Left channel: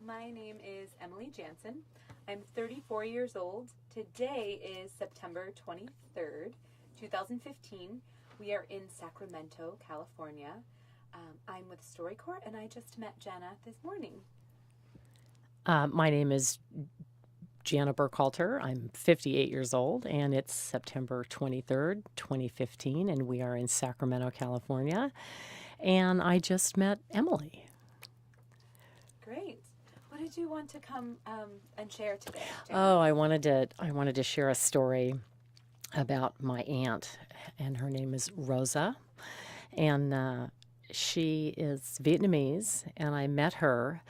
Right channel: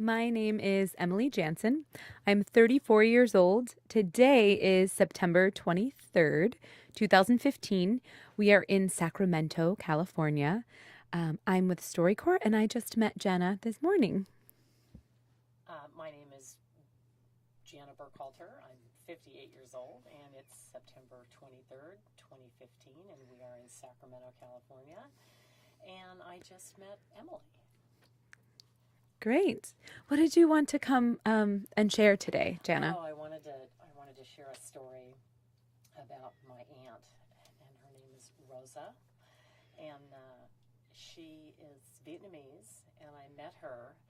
My name is Emily Janssen. I'm 34 years old. Today is September 23rd, 2015. We are in Sacramento, California. I'm with StoryCorps, and I just met Janna this morning. My name is Janna Burkhalter. I'm 58 years old, and it's September 23rd, 2015, and we are in Sacramento, California. And I just met Emily. Great. What did you want to come and share today, Janna? I wanted to share a story about my aunt, and her name is Rosa, and she is Vietnamese, and I met her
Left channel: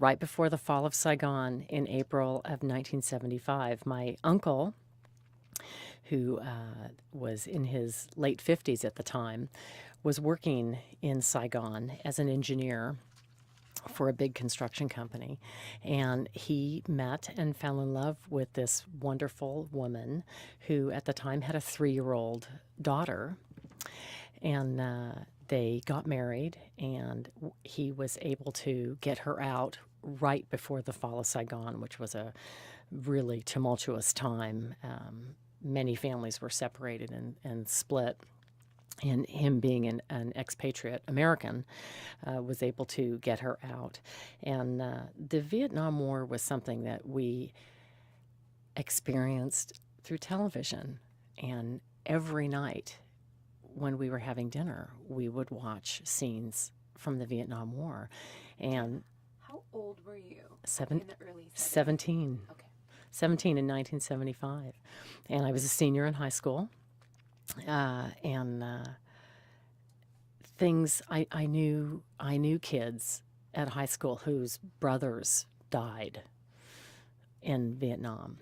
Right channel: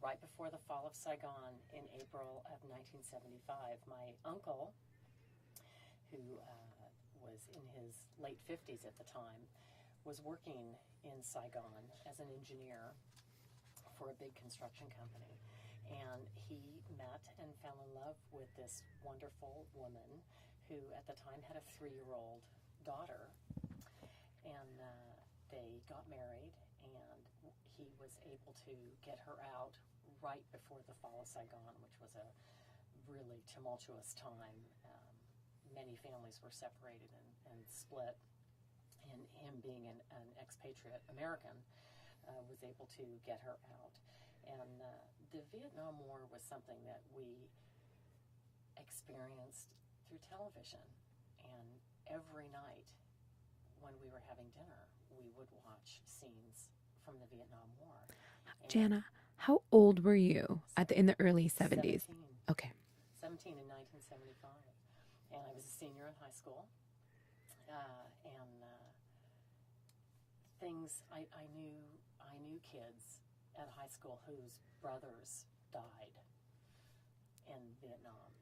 right before the fall of Saigon in April of 1975. My uncle, who was in his late 50s at the time, was working in Saigon as an engineer for a big construction company. And he met and fell in love with this wonderful woman who at the time had a 3-year-old daughter. And they got married, and he was able to get her out right before the fall of Saigon, which was a really tumultuous time. Many families were separated and split. And him being an expatriate American was able to get her out. And the Vietnam War was something that we experienced through television. And every night when we were having dinner, we would watch scenes from the Vietnam War. And Janna, how old were you in the early 70s? 17. Okay. 17 in 1975. And I was a senior in high school. And things I knew kids at high school whose brothers died in Vietnam.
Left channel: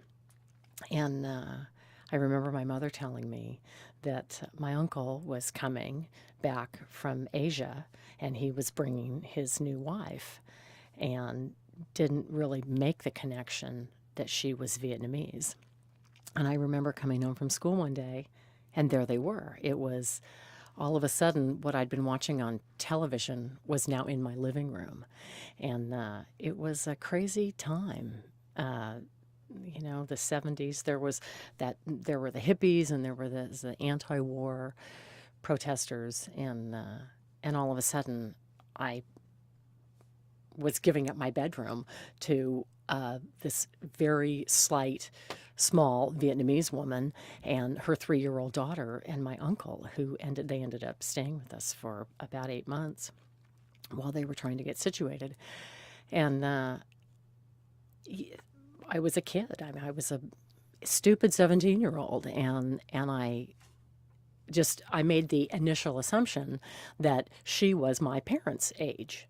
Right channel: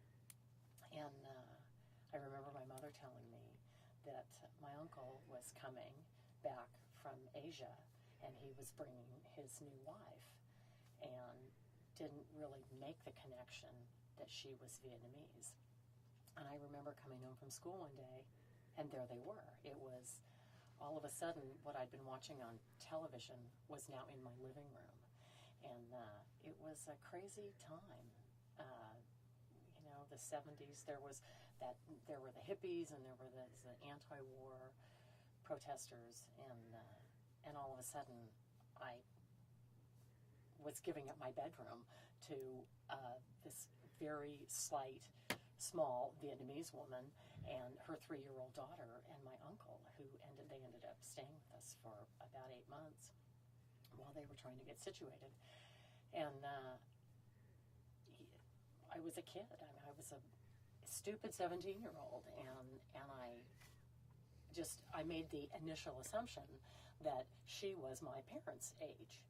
And I remember my mother telling me that my uncle was coming back from Asia, and he was bringing his new wife, and didn't really make the connection that she was Vietnamese. And I remember coming home from school one day, and there they were. It was all of a sudden what I'd been watching on television was now in my living room. And it was a crazy time. The 70s, there were the hippies, and there were the anti-war protesters, and all of a sudden I was giving up my bedroom to this very slight, small Vietnamese woman and her 3-year-old daughter, and my uncle, they ended up staying with us for about 8 months while they were trying to get situated. And I was a kid. I mean, I was a stupid 17-year-old, and I made the initial assumption that she was my parents' age,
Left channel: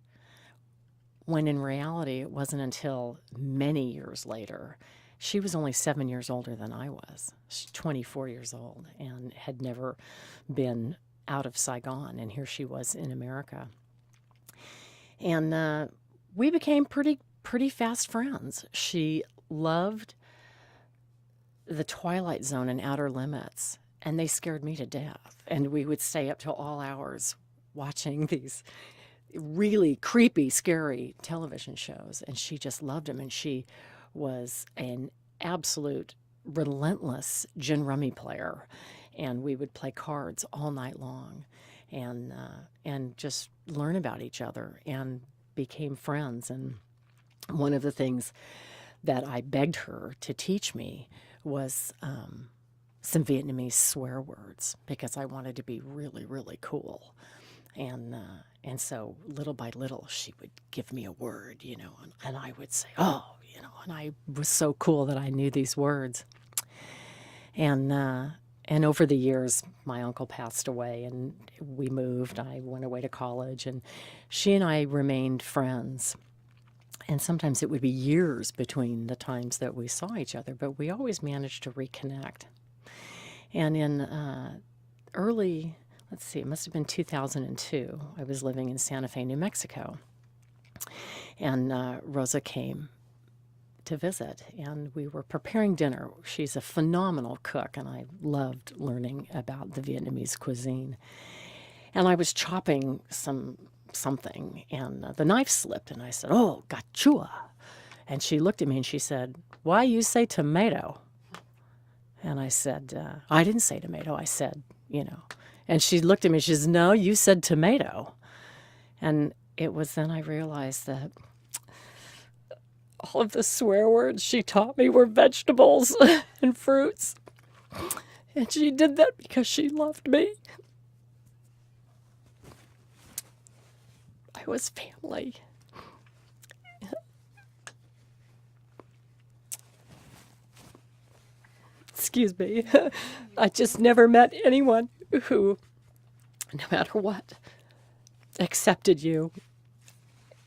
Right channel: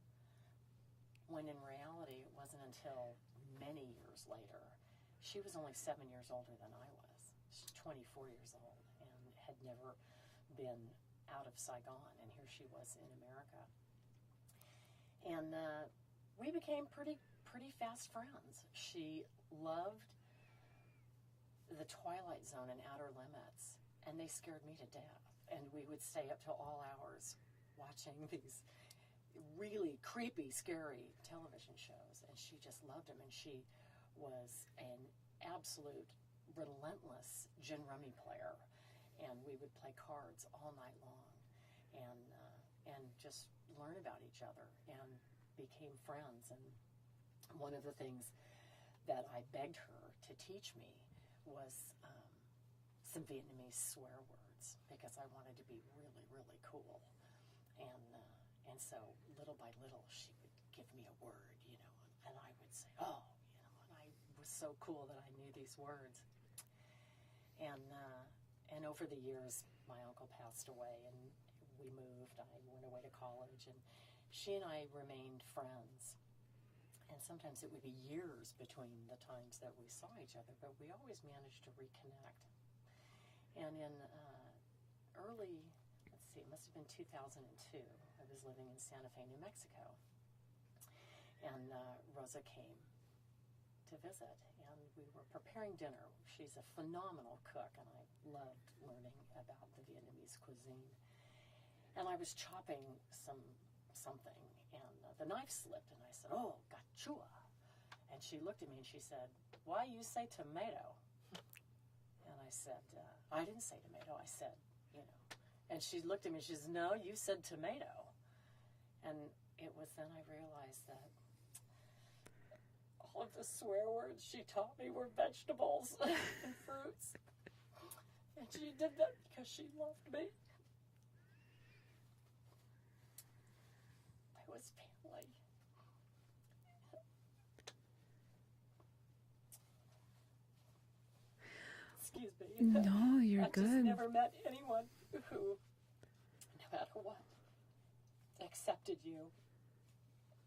when in reality it wasn't until many years later. She was only 7 years older than I was. She's 24 years old and had never been out of Saigon, and here she was in America. And we became pretty fast friends. She loved the Twilight Zone and Outer Limits, and they scared me to death. And we would stay up till all hours watching these really creepy, scary television shows, and she just loved them. And she was an absolute relentless gin rummy player, and we would play cards all night long, and just learn about each other, and became friends. And one of the things that I begged her to teach me was some Vietnamese swear words, because I wanted to be really, really cool. And so little by little, she would give me a word, and I would say, oh, and I was so cool that I knew these words. And over the years, my uncle passed away, and we moved. I went away to college, and she and I remained friends. And sometimes it would be years between the times that we saw each other, but we always managed to reconnect. And in it must have been 2002, I was living in Santa Fe, New Mexico. And Rosa came to visit, and we were preparing dinner. She's a phenomenal cook, and I loved learning about the Vietnamese cuisine. And I was chopping some something, and the knife slipped, and I said, "Oh, gachua." And she looked at me and she said, "Why you say tomato?" And I said, "I didn't say tomato. I said, you know." And she looked at me and she says, "No, you said tomato." And it was then I realized that all of the swear words she taught me were vegetables and fruits. And she did that because she loved me. I was family. Excuse me. No, you're I just good. never met anyone who, no matter what, accepted you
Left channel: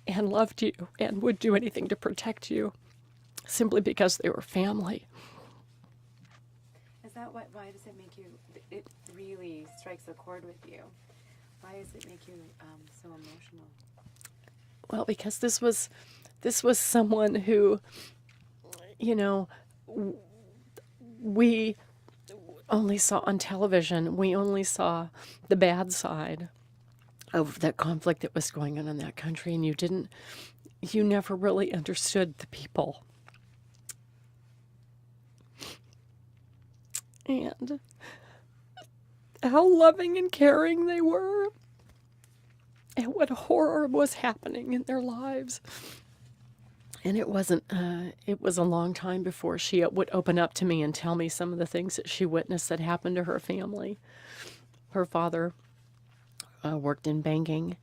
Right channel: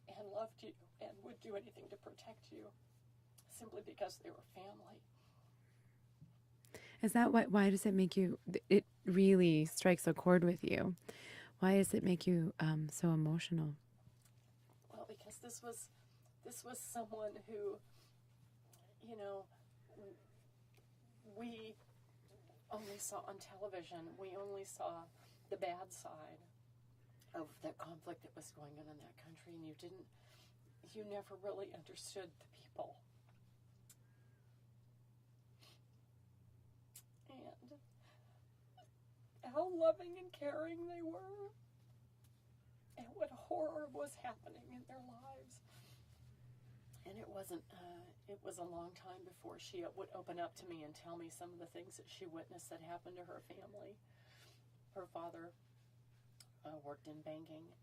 and loved you and would do anything to protect you simply because they were family. Is that why does it make you, it really strikes a chord with you? Why does it make you so emotional? Well, because this was someone who, you know, we only saw on television, we only saw the bad side of that conflict that was going on in that country, and you never really understood the people. And how loving and caring they were, and what horror was happening in their lives. And it wasn't, it was a long time before she would open up to me and tell me some of the things that she witnessed that happened to her family. Her father worked in banking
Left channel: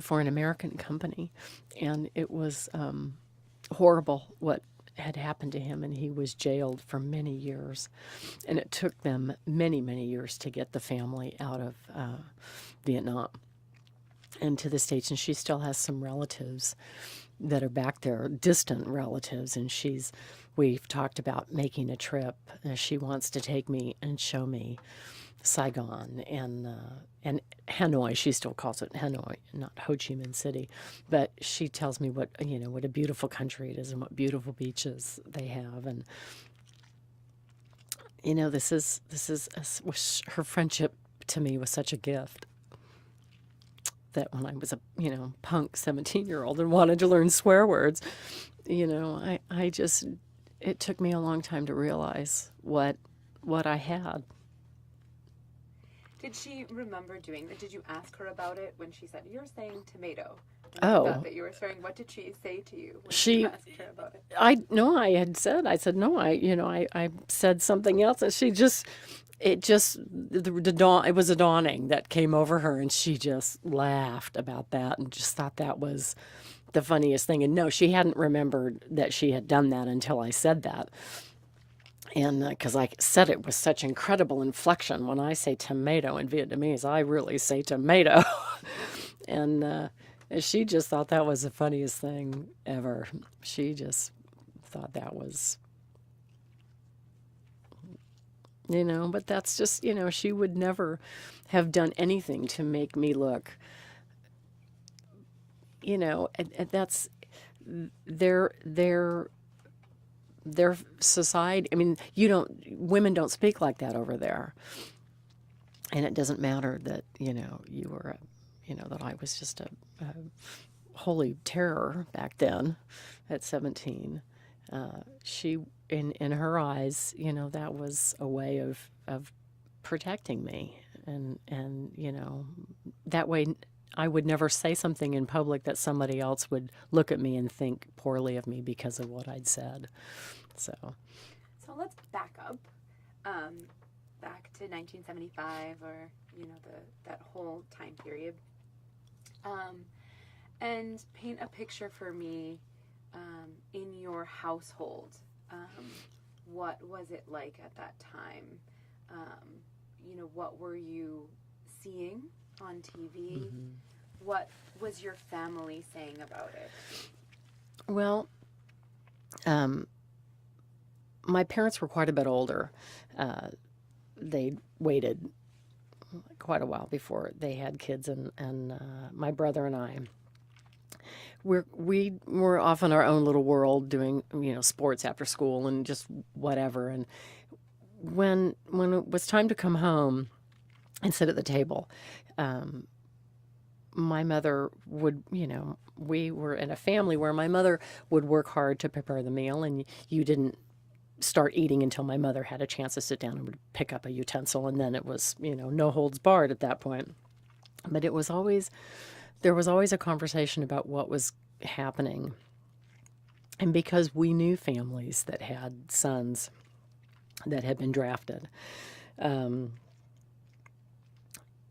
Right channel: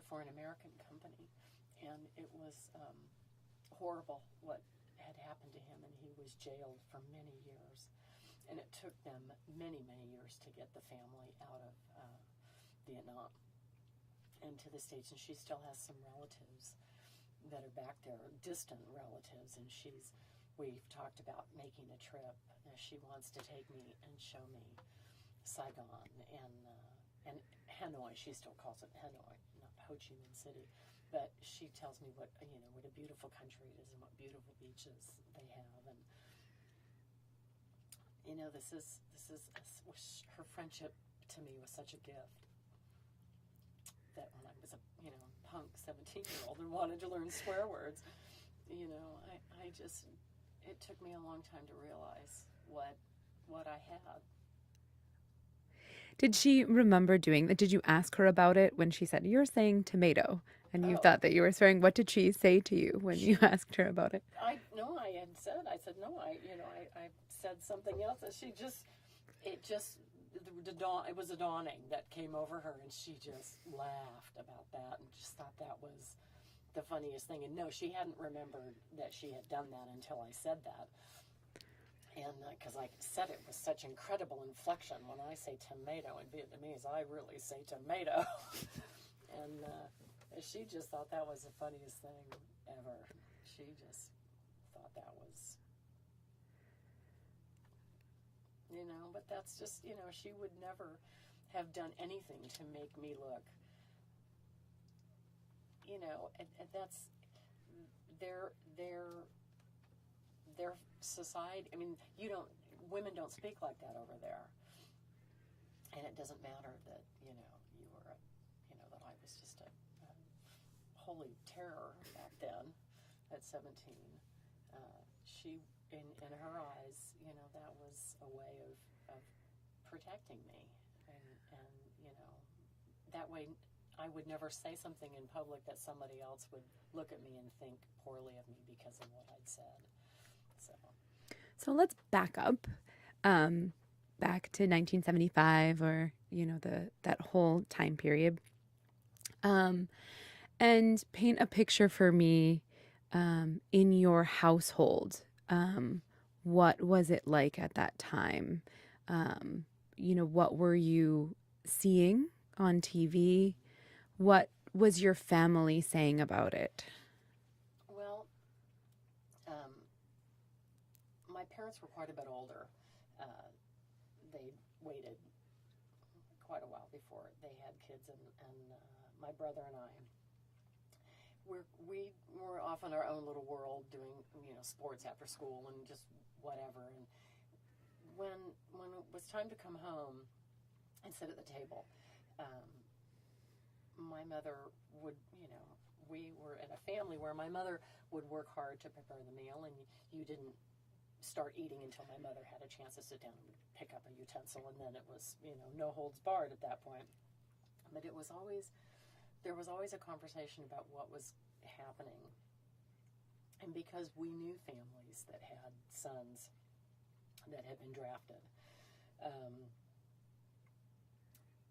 for an American company, and it was horrible what had happened to him, and he was jailed for many years. And it took them many, many years to get the family out of Vietnam and to the States. And she still has some relatives that are back there, distant relatives, and we've talked about making a trip. She wants to take me and show me Saigon and Hanoi. She still calls it Hanoi, not Ho Chi Minh City, but she tells me what a beautiful country it is and what beautiful beaches they have. And her friendship to me was such a gift that when I was a punk 17-year-old and wanted to learn swear words, I just, it took me a long time to realize what I had. Did she remember doing that? Did you ask her about it when she said, "You're saying tomato"? And you Oh. thought that you were swearing. What did she say to you when you asked her about it? I said no. I said something else, and it was a dawning that came over her, and she just laughed about that and just thought that was the funniest thing. And no, she hadn't remembered that she had done that until I said that. And because I said it with such incredible inflection. When I say tomato in Vietnamese, I really say tomato. And she just thought that was the funniest thing ever. She just thought that was, but that's just, she would never have done anything to make me look, and that's their society. I mean, women don't speak like that over there. And it doesn't matter that, you were, that I was just a holy terror back then at 17. She, in her eyes, that was a way of protecting me. And that way I would never say something in public that somebody else would look at me and think poorly of me because of what I'd said. So let's back up, back to 1975, or that whole time period, and paint a picture for me in your household. What was it like at that time? What were you seeing on TV? Mm-hmm. What was your family saying about it? Well, my parents were quite a bit older. They waited quite a while before they had kids, and my brother and I, we were off in our own little world doing sports after school and just whatever. And when it was time to come home and sit at the table, my mother would, we were in a family where my mother would work hard to prepare the meal, and you didn't start eating until my mother had a chance to sit down and would pick up a utensil, and then it was, no holds barred at that point. But there was always a conversation about what was happening. And because we knew families that had sons that had been drafted,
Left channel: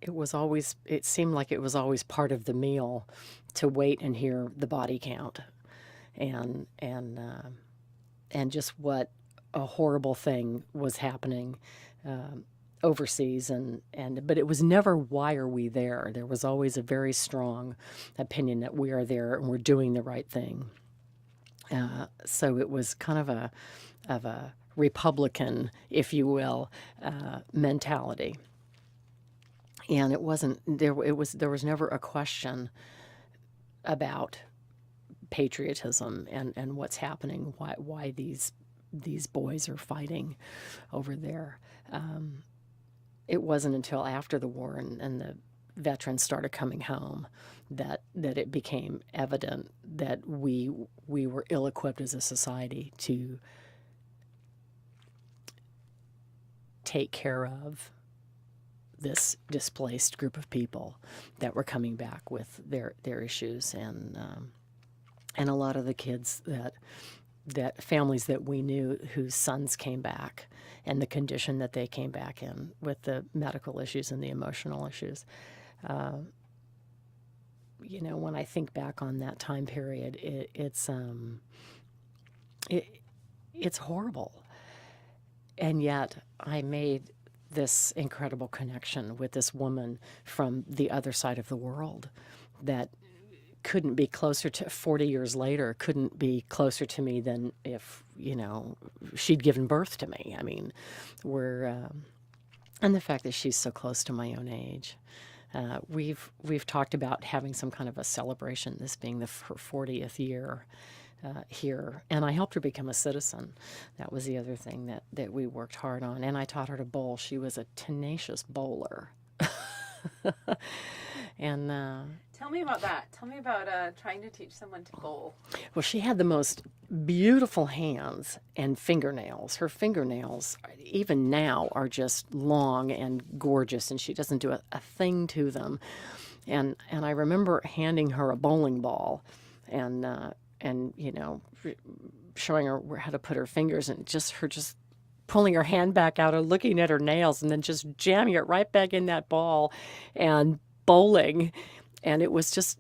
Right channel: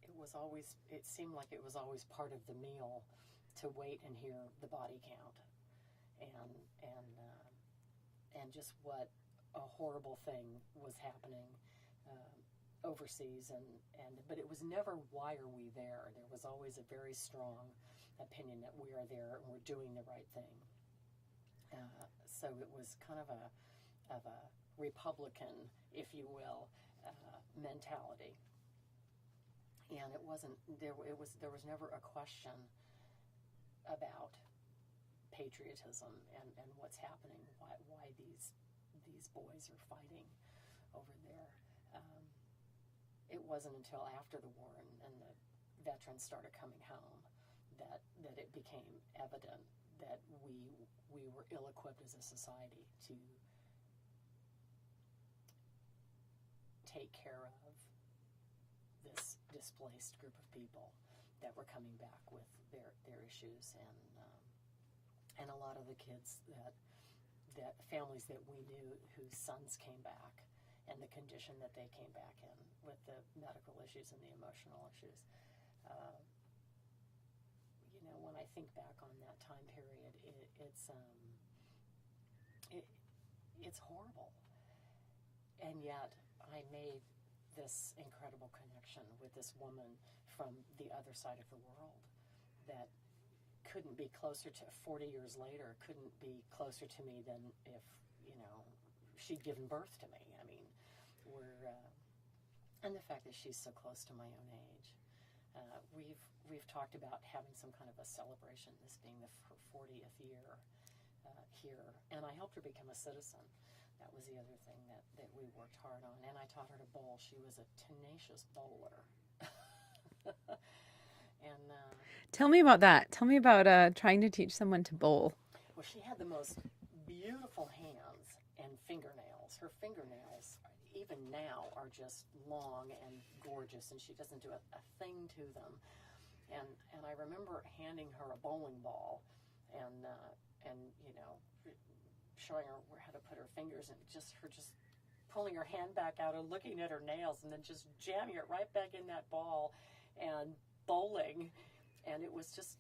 it seemed like it was always part of the meal to wait and hear the body count, and just what a horrible thing was happening overseas, but it was never, why are we there? There was always a very strong opinion that we are there and we're doing the right thing. So it was kind of a Republican, if you will, mentality. And it wasn't there. There was never a question about patriotism and what's happening. Why these boys are fighting over there. It wasn't until after the war and the veterans started coming home that it became evident that we were ill-equipped as a society to take care of this displaced group of people that were coming back with their issues, and a lot of the kids that families that we knew whose sons came back, and the condition that they came back in with the medical issues and the emotional issues. When I think back on that time period, it's horrible. And yet I made this incredible connection with this woman from the other side of the world that couldn't be closer to, 40 years later, couldn't be closer to me than if, she'd given birth to me. I mean, and the fact that she's so close to my own age. We've talked about having some kind of a celebration, this being her 40th year here, and I helped her become a citizen. That was the other thing that we worked hard on, and I taught her to bowl. She was a tenacious bowler. And tell me about that. Tell me about trying to teach someone to bowl. Well, she had the most beautiful hands and fingernails. Her fingernails, even now, are just long and gorgeous, and she doesn't do a thing to them. And I remember handing her a bowling ball, and showing her how to put her fingers, and just pulling her hand back out and looking at her nails, and then just jamming it right back in that ball and bowling. And it was just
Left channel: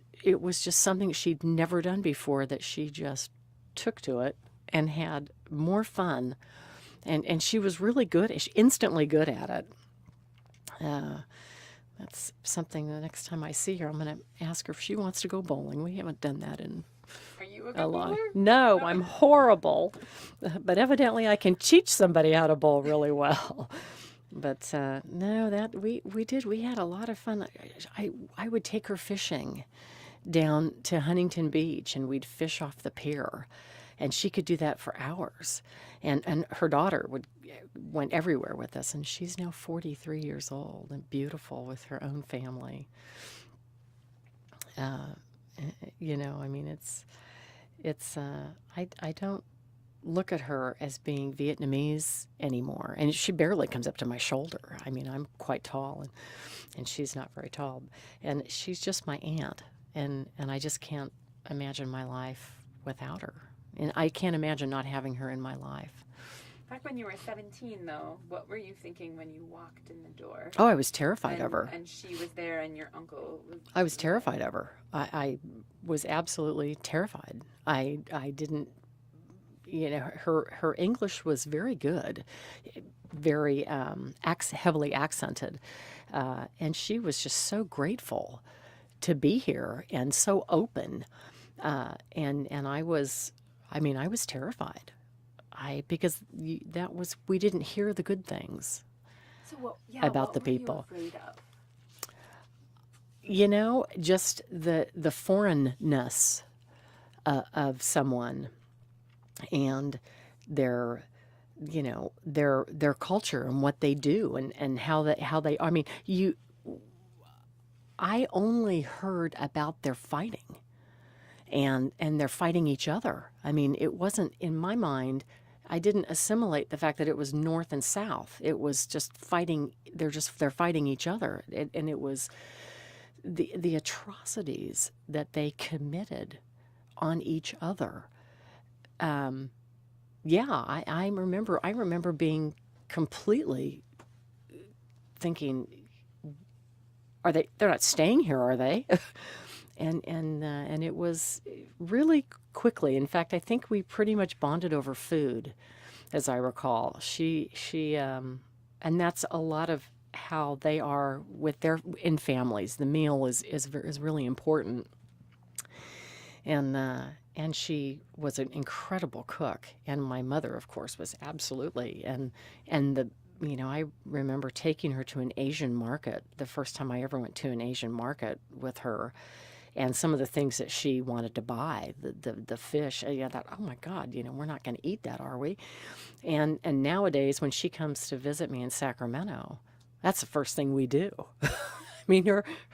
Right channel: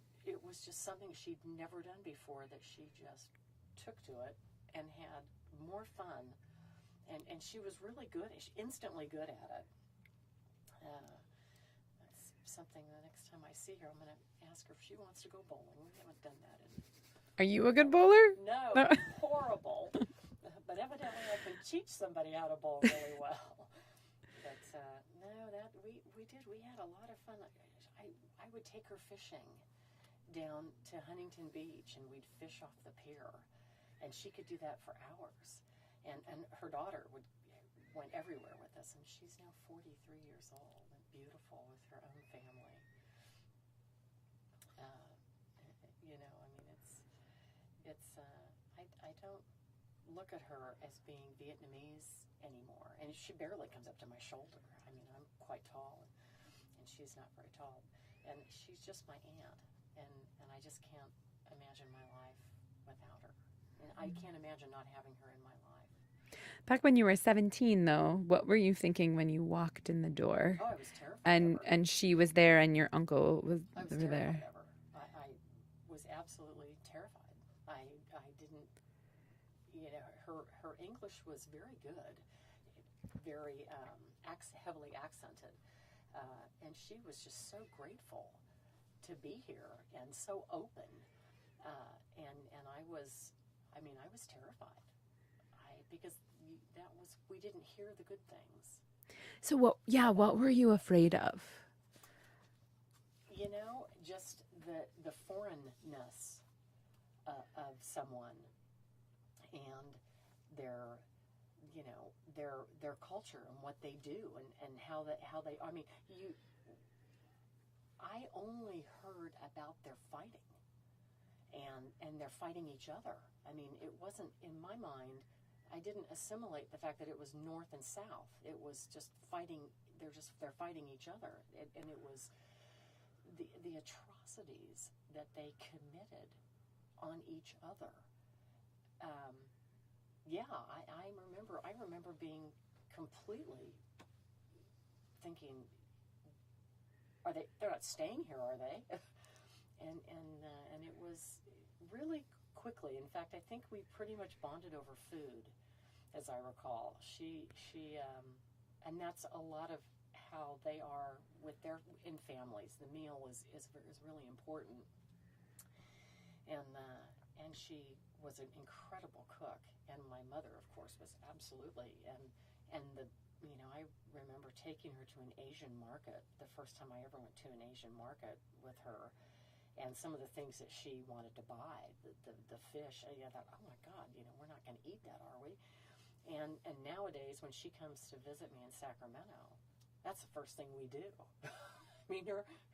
something she'd never done before, that she just took to it and had more fun, and she was really instantly good at it. That's something, the next time I see her, I'm going to ask her if she wants to go bowling. We haven't done that in Are you a good bowler? No, I'm horrible. But evidently I can teach somebody how to bowl really well. But no, that we did. We had a lot of fun. I would take her fishing down to Huntington Beach, and we'd fish off the pier, and she could do that for hours. And her daughter went everywhere with us, and she's now 43 years old and beautiful with her own family. I mean, I don't look at her as being Vietnamese anymore, and she barely comes up to my shoulder. I mean, I'm quite tall, and she's not very tall, and she's just my aunt, and I just can't imagine my life without her, and I can't imagine not having her in my life. Back when you were 17, though, what were you thinking when you walked in the door? Oh, I was terrified of her. And she was there, and your uncle was I was terrified of her. I was absolutely terrified. I didn't, her English was very good, very heavily accented, and she was just so grateful to be here and so open, and I was terrified. Because we didn't hear the good things. So what were you afraid of? Just the foreignness of someone, and their culture and what they do, and how they. I mean, I only heard about their fighting, and they're fighting each other. I mean, it wasn't in my mind. I didn't assimilate the fact that it was North and South. It was just fighting. They're fighting each other, and it was the atrocities that they committed on each other. Yeah, I remember being completely thinking, they're not staying here, are they? and it was really quickly. In fact, I think we pretty much bonded over food, as I recall. She and that's a lot of how they are with in families. The meal is really important. And she was an incredible cook, and my mother, of course, was absolutely. And I remember taking her to an Asian market, the first time I ever went to an Asian market with her, and some of the things that she wanted to buy, the fish. I thought, oh my God, we're not going to eat that, are we? And nowadays, when she comes to visit me in Sacramento, that's the first thing we do. I mean,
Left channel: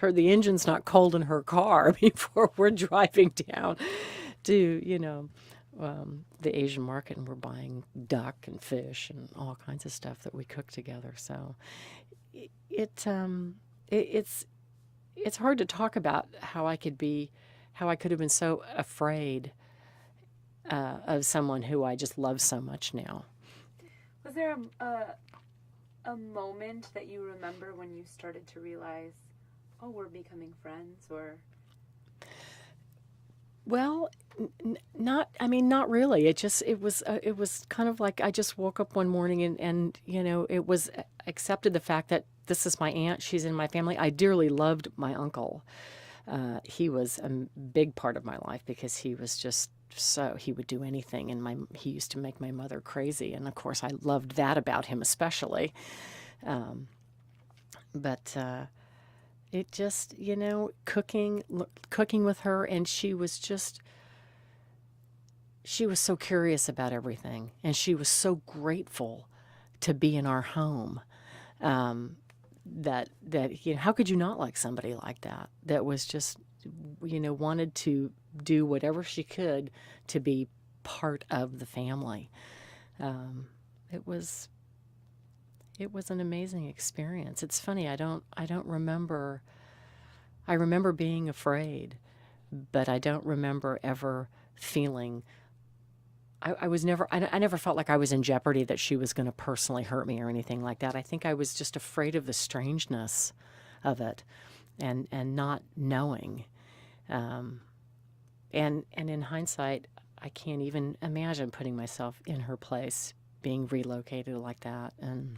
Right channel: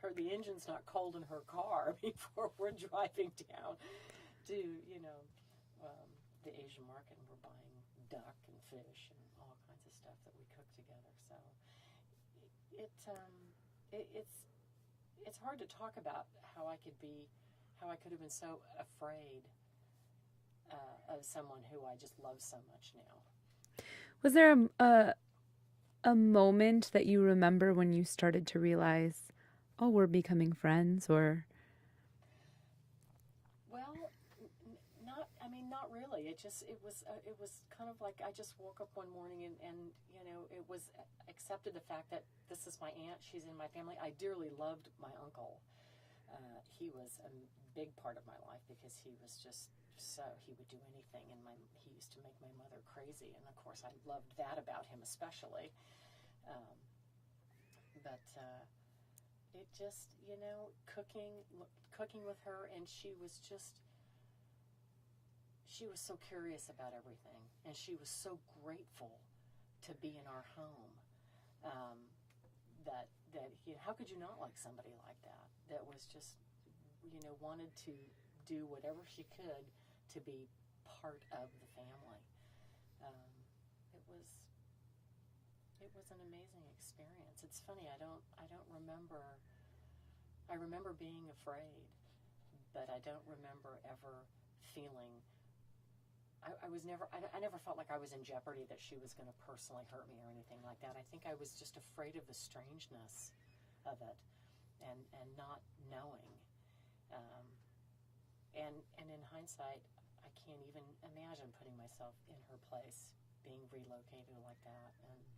the engine's not cold in her car before we're driving down to, the Asian market, and we're buying duck and fish and all kinds of stuff that we cook together. So it's hard to talk about how I could have been so afraid of someone who I just love so much now. Was there a moment that you remember when you started to realize, oh, we're becoming friends? Or well, not really. It was kind of like I just woke up one morning and it was accepted the fact that this is my aunt. She's in my family. I dearly loved my uncle. He was a big part of my life because he was just he would do anything, and he used to make my mother crazy, and of course I loved that about him especially. But it just, cooking with her, and she was so curious about everything, and she was so grateful to be in our home. That how could you not like somebody like that? That was just, wanted to do whatever she could to be part of the family. It was an amazing experience. It's funny, I don't remember. I remember being afraid, but I don't remember ever feeling. I never felt like I was in jeopardy, that she was going to personally hurt me or anything like that. I think I was just afraid of the strangeness of it, and not knowing. And in hindsight, I can't even imagine putting myself in her place, being relocated like that, and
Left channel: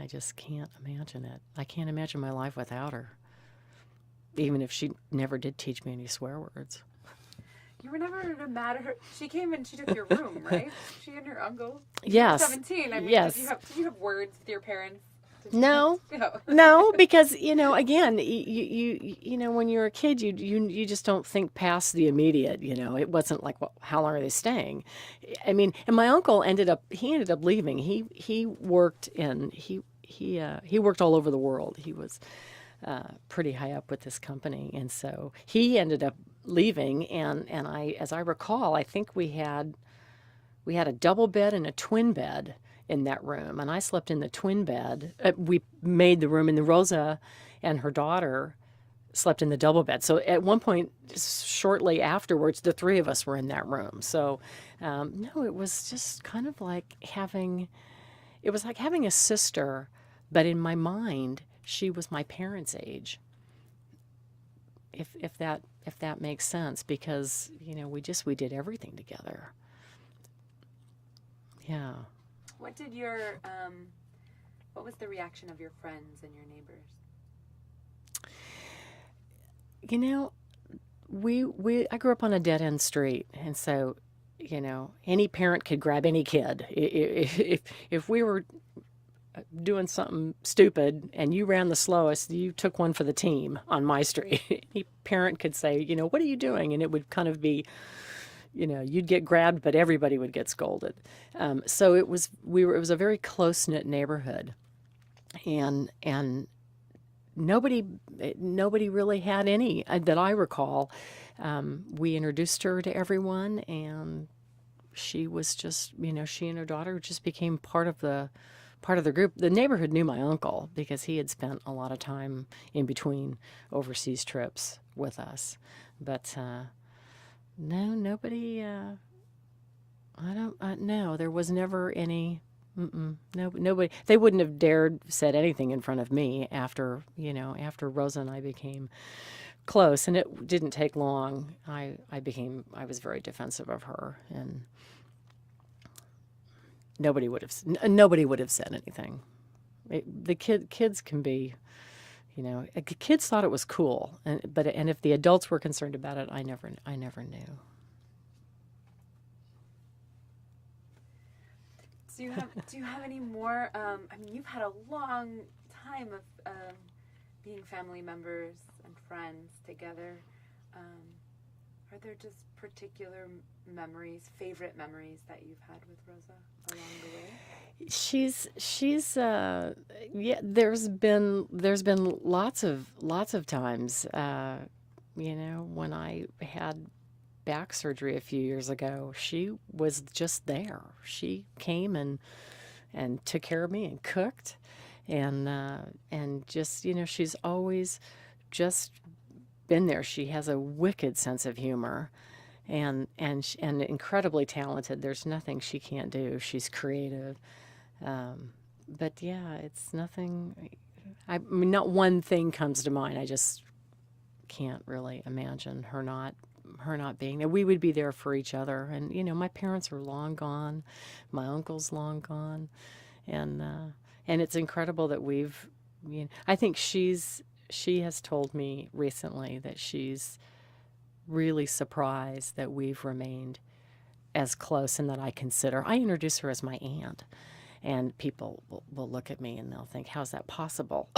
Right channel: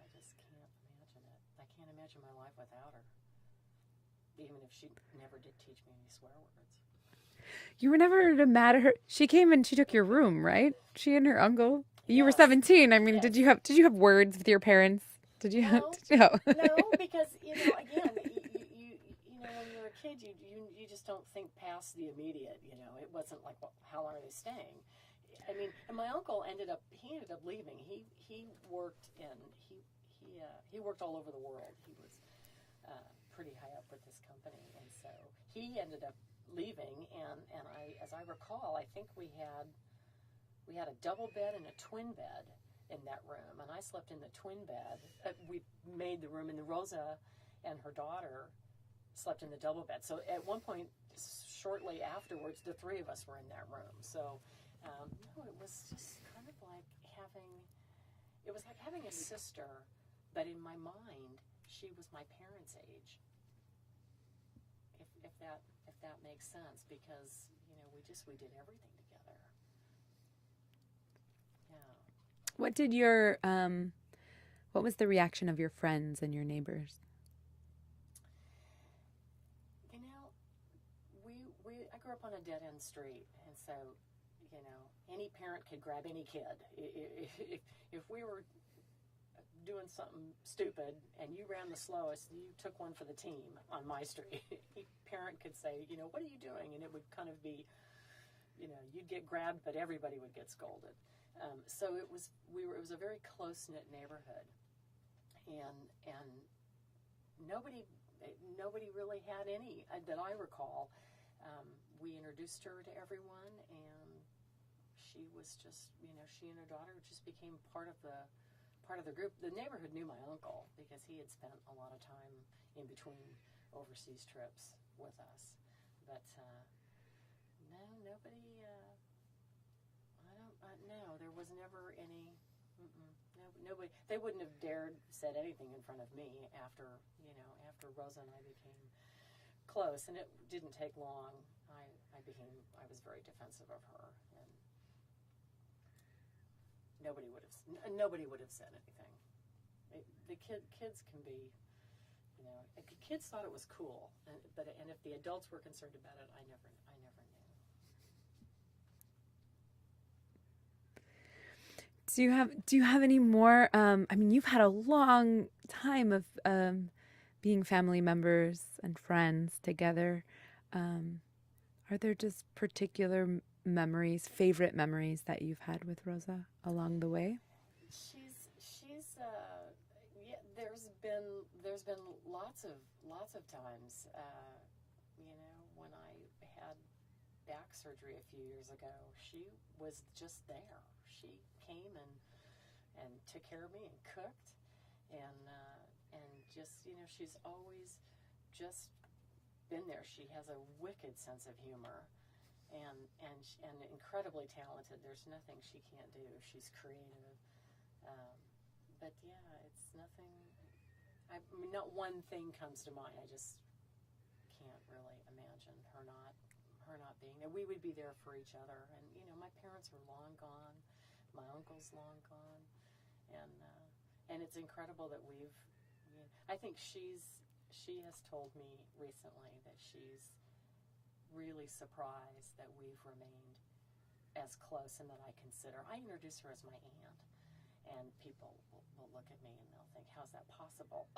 I just can't imagine it. I can't imagine my life without her, even if she never did teach me any swear words. you were never mad at her. She came and she took your room, right? She and her uncle. You Yes. were 17. I mean, Yes. did you have words with your parents? Did you? No. No. No, because again, you when you're a kid, you just don't think past the immediate. It wasn't like, well, how long are they staying? I mean, and my uncle ended up leaving. He worked he worked all over the world. He was pretty high up with this company, and so he ended up leaving. And as I recall, I think we had a double bed and a twin bed in that room, and I slept in the twin bed. We made the room, and the Rosa and her daughter slept in the double bed. So at one point, shortly afterwards, the three of us were in that room. So no, it was just kind of like having a sister, but in my mind, she was my parents' age. If that makes sense, because we did everything together. Yeah. What was the reaction of your friends and your neighbors? I grew up on a dead-end street, and so, any parent could grab any kid. If we were doing something stupid and you ran the slowest, you took one for the team on my street. Any parent could say, what are you doing? And it would kind of be, you'd get grabbed, but everybody would get scolded. So it was a very close-knit neighborhood. and nobody really had any that I recall. We introduced her to everyone, and she was just, she and her daughter just became part of the group. The neighborhood knew my uncle because he had spent a lot of time in between overseas trips with us. But no, nobody. I don't. No, there was never any. No, nobody. They wouldn't have dared said anything in front of me after Rosa and I became close, and it didn't take long. I was very defensive of her, and nobody would have said anything. The kids can be, kids thought it was cool, and if the adults were concerned about it, I never knew. Do you have any more? I mean, you've had a long time of being family members and friends together. Are there just particular memories, favorite memories that you've had with Rosa along the way? She's yeah. There's been lots of times. When I had back surgery a few years ago, she was just there. She came and took care of me and cooked, and just she's always just been there. She has a wicked sense of humor, and incredibly talented. There's nothing she can't do. She's creative, but yeah, it's nothing. I mean, not one thing comes to mind. I just can't really imagine her not being there. We would be there for each other, and my parents are long gone, my uncle's long gone, and it's incredible that we've. I think she has told me recently that she's really surprised that we've remained as close, and that I introduce her as my aunt, and people will look at me and they'll think, how's that possible?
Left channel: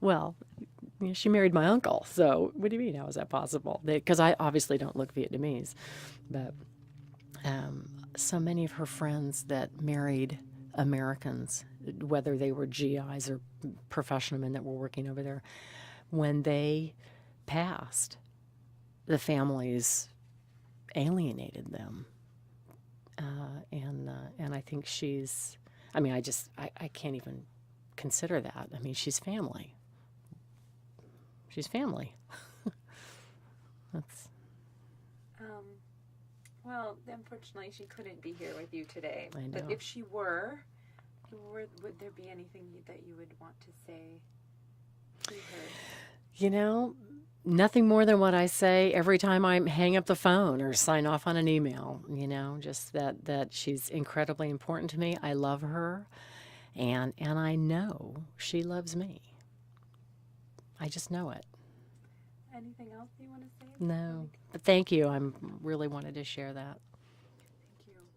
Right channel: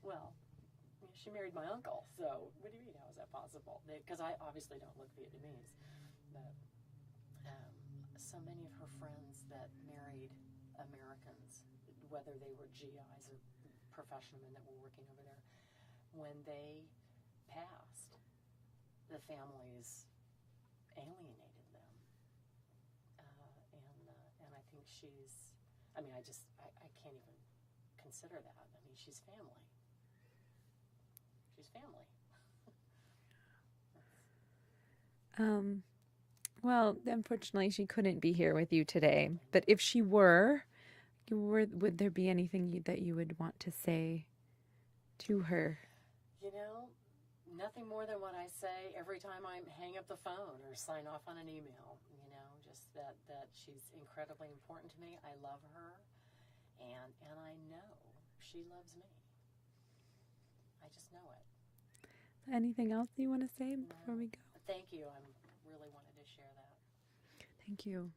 Well, she married my uncle, so what do you mean, how is that possible? Because I obviously don't look Vietnamese, but so many of her friends that married Americans, whether they were GIs or professional men that were working over there, when they passed, the families alienated them, and I think she's. I mean, I can't even consider that. I mean, she's family. She's family. That's. Well, unfortunately, she couldn't be here with you today. I But know. if she were, would there be anything that you would want to say to her? Nothing more than what I say every time I hang up the phone or sign off on an email. Just that she's incredibly important to me. I love her, and I know she loves me. I just know it. Anything else you want to say before No, we go? but thank you. I really wanted to share that. Thank you.